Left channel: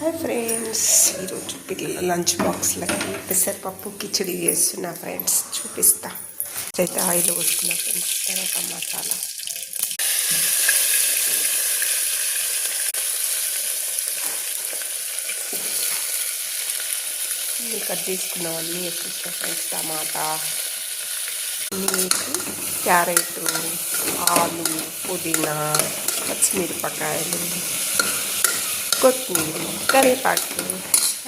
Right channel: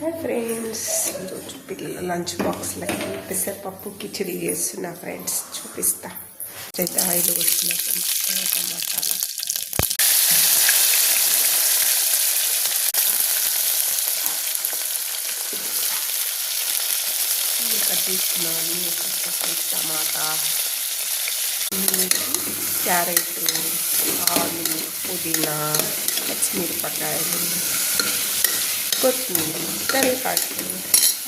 Hi friends, ఈరోజు పిల్లల lunch బాక్స్లకి పెసరపప్పు కిచడి చేస్తున్నా ఫ్రెండ్స్. చూపిస్తా. అయితే ఆయిల్ వస్తున్నా ఫ్రెండ్స్. తర్వాత మసాలా కట్ చేసుకున్నవన్నీ వేసుకుంటా ఫ్రెండ్స్. టమాటా వేసి, క్యారెట్, ఆలు, పుదీనా, పచ్చిమిరపకాయలు, కొత్తిమీర, కరివేపాకు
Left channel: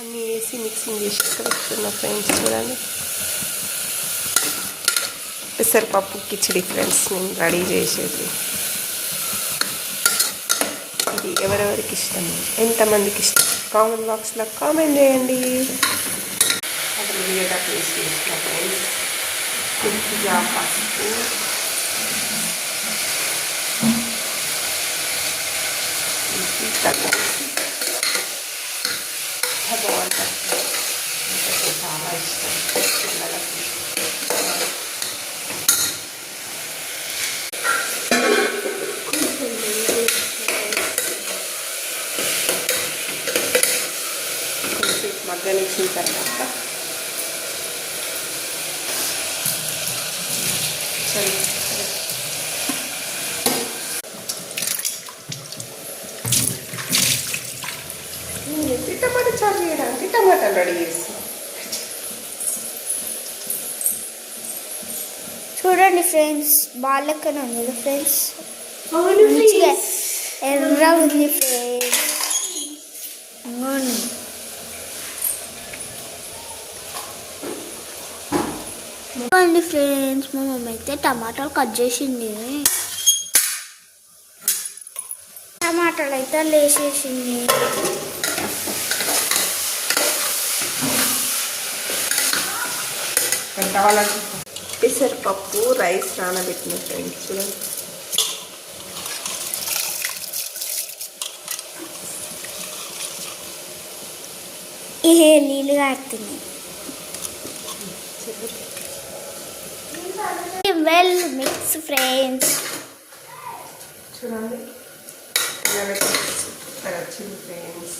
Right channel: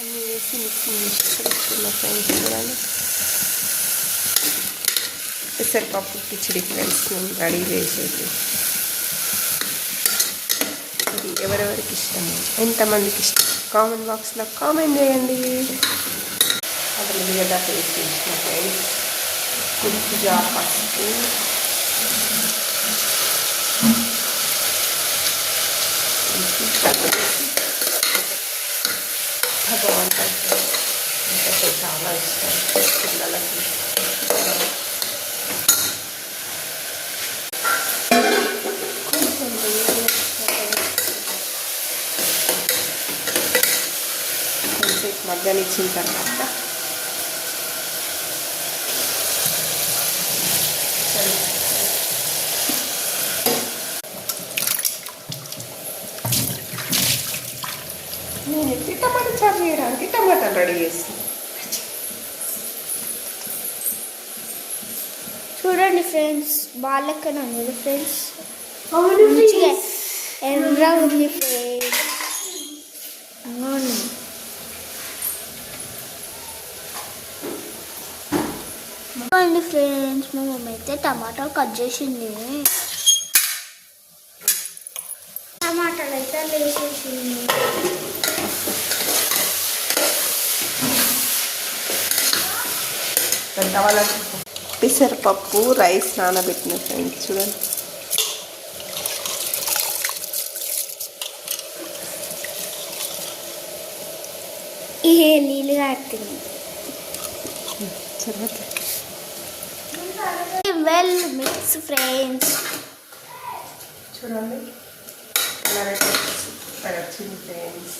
అన్నీ వేసి మిక్సింగ్ చేసి కలుపుతున్న ఫ్రెండ్స్. చూడండి, పెసరపప్పు కిచడి ఫ్రెండ్స్ నేను రెడీ చేసేది. ఇది ఎవరెవరికి ఇష్టము, ఎంతమందికి ఇష్టం కామెంట్ బాక్స్లో కామెంట్ చేయండి. అక్కడ ఉల్లిగడ్డ పేస్ట్ వేసిన ఫ్రెండ్స్. కొద్దిగా పసుపు, చాలా ఇష్టం పిల్లలకి. కొంచెం మగ్గనిచ్చిన తర్వాత టమాటా చారు చేయడానికి టమాటాలు రెడీ చేస్తాం. చూడండి ఫ్రెండ్స్, బాలెక్కన ఉంది ఫ్రెండ్స్. ఎర్ర ఉంది ఫ్రెండ్స్. చూడండి ఫ్రెండ్స్, మా మమ్మీ అయితే టమాటాలు కట్ చేసింది. టమాటాలు అయితే లేచేసింది. పెసరపప్పు రైస్ నానబెట్టిన ఫ్రెండ్స్. చూడండి, ఇహే నీళ్ళు కాడుతుంది. Well mix friends. చూడండి, సూపర్ వచ్చింది ఫ్రెండ్స్.